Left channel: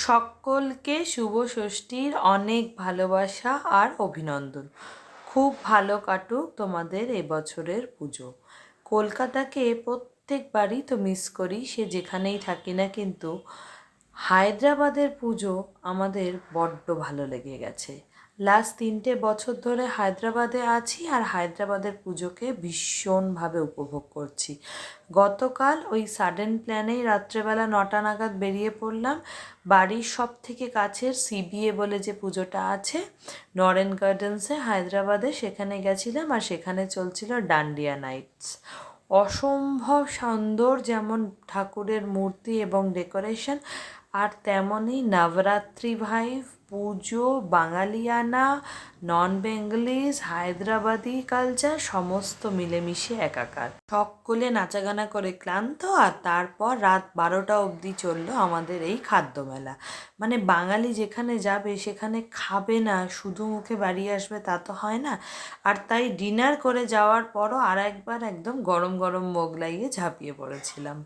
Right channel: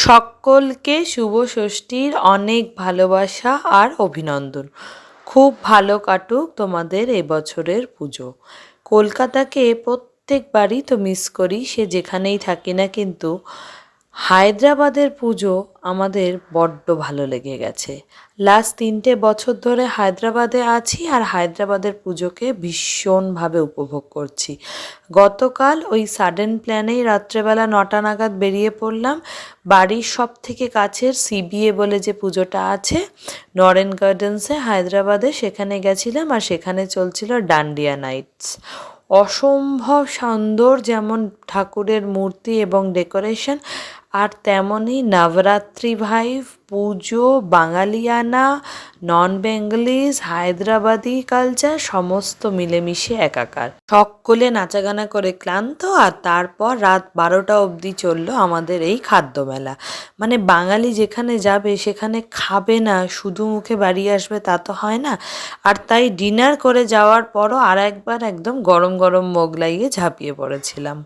সকলকে শুভ ষষ্ঠীর অনেক ভালোবাসা আর অভিনন্দন। খুব ভালো কাটুক তোমাদের এবছরের পুজো। কলকাতাকে প্রত্যেকবারই তো মিস করি, সে যেখানেই থাকি না কিন্তু হায়দ্রাবাদের পুজো আমাদের বড্ড ভালো লেগে গেছে। লাস্ট তিনটে বছর ধরে হায়দ্রাবাদে আছি আর হায়দ্রাবাদের পুজোকে ভীষণভাবে উপভোগ করছি। গতকাল ওই সাডেন প্ল্যানেই রাত্রেবেলা নটা নাগাদ বেরিয়ে পড়লাম। বাড়ির সব থেকে কাছের সিবিএ বলে যে পুজোটা আছে, নরেন গার্ডেন্সে হায়দ্রাবাদে সেখানে গেছিলাম আর সেখানে চলছিল ডান্ডিয়া নাইটস। অসম্ভব সুন্দর যেমন ঠাকুরের মূর্তি এবং ডেকোরেশন আর তেমনই নবরাত্রি ভাইভ পুজো, বাঙালিয়ানা নন বেঙ্গলিজ হায়দ্রাবাদি কালচার সমস্ত মিলেমিশে একাকার। সকলে নাচাগানা করে ক্লান্ত, আর তারপর রাত বারোটা অবধি চলল আমাদের এই খাদ্য মেলা মানে বাঙালি যেখানে যাবে, সেখানে খাবে না, শুধু মুখে বাড়ি আসবে তা তো হয় না। আর তাই ডিনার করে যাওয়ার পরও আর একবার একদম গরম গরম মোগলাইয়ে ঝাঁপিয়ে পড়েছিলাম।